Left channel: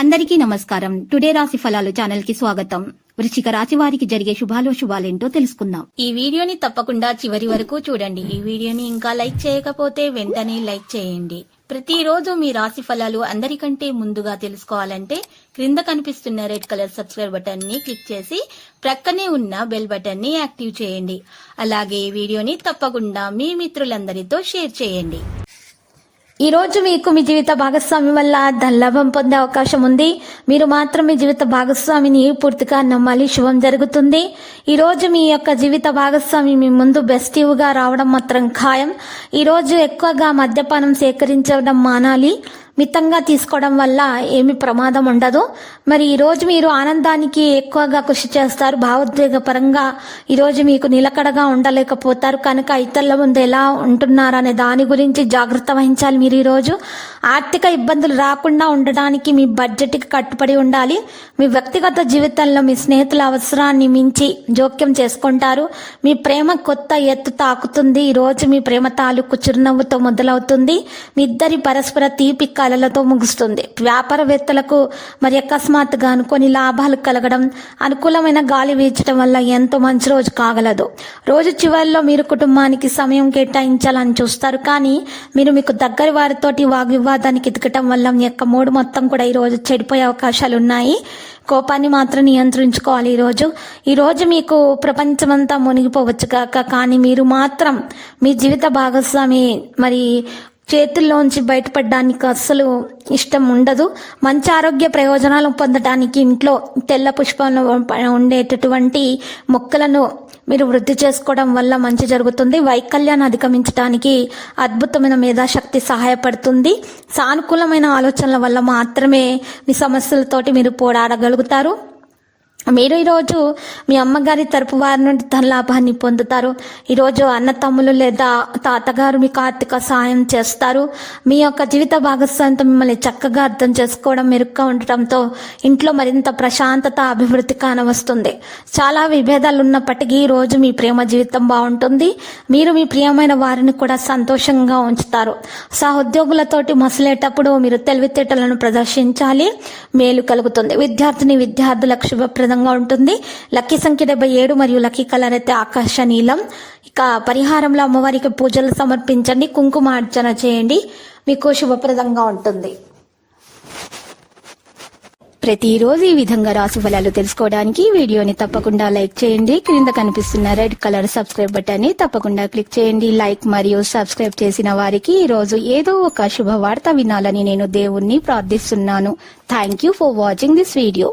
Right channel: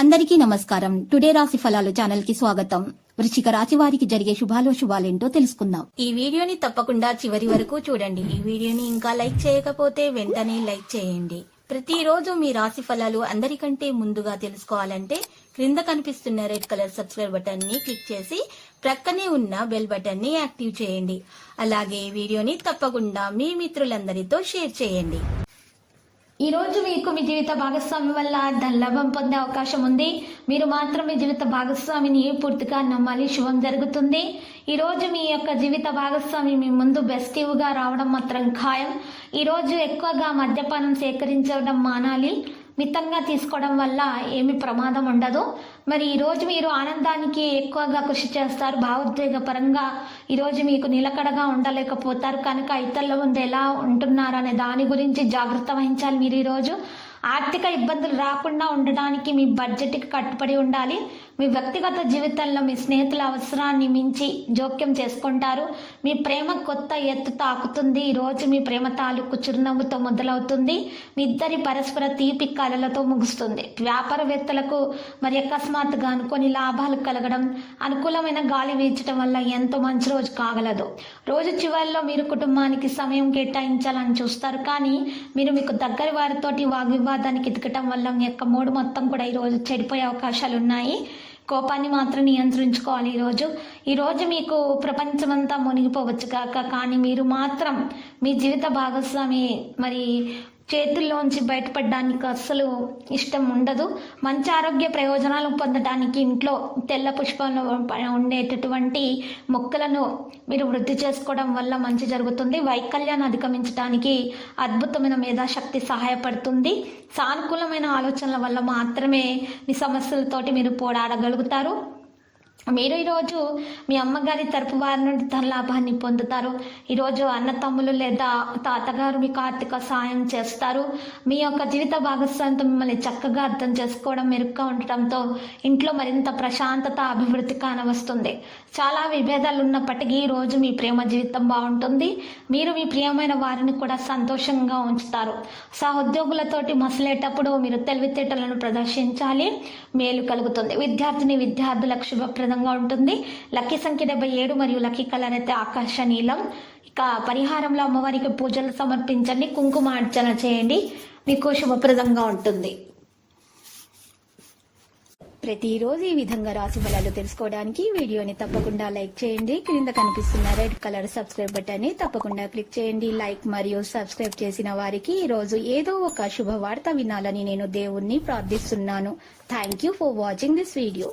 అందరికీ నమస్కారం. టుడే రాశి ఫలాలు ఛానల్ కి స్వాగతం. వృశ్చిక రాశి వారికి జరిగే శుభాలేంటో తెలుసుకుందాం. ఈ వీడియోని తప్పకుండా చివరి వరకు చూడండి. ఈ వీడియోని ఇంకా లైక్ చేయకపోతే వెంటనే లైక్ చేయండి. ప్రతిరోజు మీ రాశి ఫలాలు అందరికంటే ముందుగా తెలుసుకోవాలంటే క్రింద కనిపిస్తున్న రెడ్ కలర్ సబ్స్క్రైబ్ బటన్ ని క్లిక్ చేసి ప్రక్కనే ఉన్న బెల్ బటన్ ని యాక్టివ్ చేయండి. అలాగే ఈ వీడియోని తప్పకుండా మీ మిత్రులందరితో షేర్ చేయండి. ఈ రోజు మీకు మీ జీవిత భాగస్వామి వల్ల ధనలాభం పొందే అవకాశం ఉంది. మీరు మాత్రం మీ జీవిత భాగస్వామిని పూర్తిగా నమ్మాలి, శుభం జరుగుతుంది. ఈ రోజు మీ యొక్క జీవిత భాగస్వామి మీ ముందు బెస్టివ్గా రావడం మాత్రం ఖాయం. ఈ రోజు ఎక్కువగా మద్యపానం సేకరించడం మానాలి. మితంగా తీసుకోవడం వల్ల ఏమి ప్రమాదం ఉండదు. మరి ఈ రోజు మీరు ఆనందానికి ఎక్కువగా కృషి చేస్తారు. భావోద్వేగ పరంగా ఈరోజు మీకు నిలకడగా ఉండలేకపోతారు కనుక ఇతరుల ముందు ఎలా ఉంటున్నారనే దాని గురించి జాగ్రత్త వహించాలి. మీరు ఈరోజు ఆర్థిక ఇబ్బందులు రాకుండా ఉండడానికి మీ బడ్జెట్కి కట్టుబడి ఉండాలి. మీ వ్యక్తిగత జీవితంలో మీ స్నేహితుల అవసరాన్ని మించి జోక్యం చేసుకుంటారు. మీ ప్రేమ కొత్త ఎత్తు తాకుతుంది. ఈరోజు మీ ప్రేమ తాలూకు చిరునవ్వుతో మొదలవుతుంది. మీ ఇద్దరి పరస్పర తీపి కలలతో ముగుస్తుంది. వ్యాపారవేత్తలకు మరి అకస్మాత్తుగా అనుకోని లాభాలు కలగడం, అనుకూలమైన గాలి వీచడం వల్ల ఎంతో మంచి రోజు కాగలదు. రోజు చివరిలో మీరు కుటుంబానికి సమయం కేటాయించాలని చూస్తారు, కానీ మీరు మీకు దగ్గరి వారితోటి వాగ్వివాదానికి ఎదగటం వల్ల మీ యొక్క మూడు మొత్తం కూడా ఈరోజు చెడిపోయే అవకాశాలు ఉన్నాయి. కోపాన్ని మాత్రం నియంత్రించుకోవాలి. ఈరోజు మీకు ప్రపంచమంతా మునిగిపోవచ్చు కాక, కానీ మీరు మాత్రం మీ జీవిత భాగస్వామి మరి చేతుల్లోంచి బయటపడడానికి అస్సలు ఇష్టం ఉండదు. మంచి ఆరోగ్య ప్రయోజనాలు పొందడానికి ఇంట్లో తెల్ల పుష్పంలో ఉండేటటువంటి మొక్కలను మీరు వృద్ధి చేసుకోవడం వల్ల మంచి జరుగుతుంది. వైకల్యాన్ని అధిగమించడానికి అద్భుతమైన మేధాశక్తి సహాయపడుతుంది. సానుకూలమైన ఆలోచనల వల్ల మాత్రమే మీ సమస్యలతోటి మీరు పోరాడగలుగుతారు. మీరు ఈరోజు మీ అమ్మగారి తరపు వారి నుండి ధనలాభాన్ని పొందుతారు. ఈరోజు అన్న తమ్ములు లేదా తాతగారు మీకు ఆర్థిక సహాయం చేస్తారు. మీ యొక్క జీవిత భాగస్వామితో మిమ్మల్ని చక్కగా అర్థం చేసుకోవడం, మెరుగ్గా ఉండటంతో ఇంట్లో మరింత ప్రశాంతత, అభివృద్ధి కానవస్తుంది. చాలా విభేదాలు ఉన్నప్పటికీ ఈరోజు మీ ప్రేమ జీవితం బాగుంటుంది. మీరు మీ ప్రియమైన వారిని కూడా సంతోషంగా ఉంచుతారు. సహోద్యోగులతోటి మసలేటప్పుడు మీరు తెలివితేటలను ప్రదర్శించాలి, మేలు కలుగుతుంది. విద్యార్థులకు శుభప్రదంగా ఉంటుంది. లక్కీ సంఖ్య 77 మరియు లక్కీ కలర్ అయితే ఆకాశ నీలం. ఇక పరిహారంలో అమ్మవారికి పూజలు సమర్పించండి, కుంకుమార్చన చేయండి, మీకు శుభప్రదంగా ఉంటుంది. ప్రతిరోజు ఈ విధంగా రాశి ఫలాలు తెలుసుకోవడానికి వీడియోని తప్పకుండా లైక్ చేయండి. క్రింద కనిపిస్తున్న రెడ్ కలర్ సబ్స్క్రైబ్ బటన్ ని తప్పకుండా క్లిక్ చేయండి. లైక్ మరియు సబ్స్క్రైబ్ చేసిన వారికి ఈ రోజు ఏదో ఒక శుభవార్త వినాలని నేను దేవుణ్ణి ప్రార్థిస్తున్నాను. Thank you for watching this video.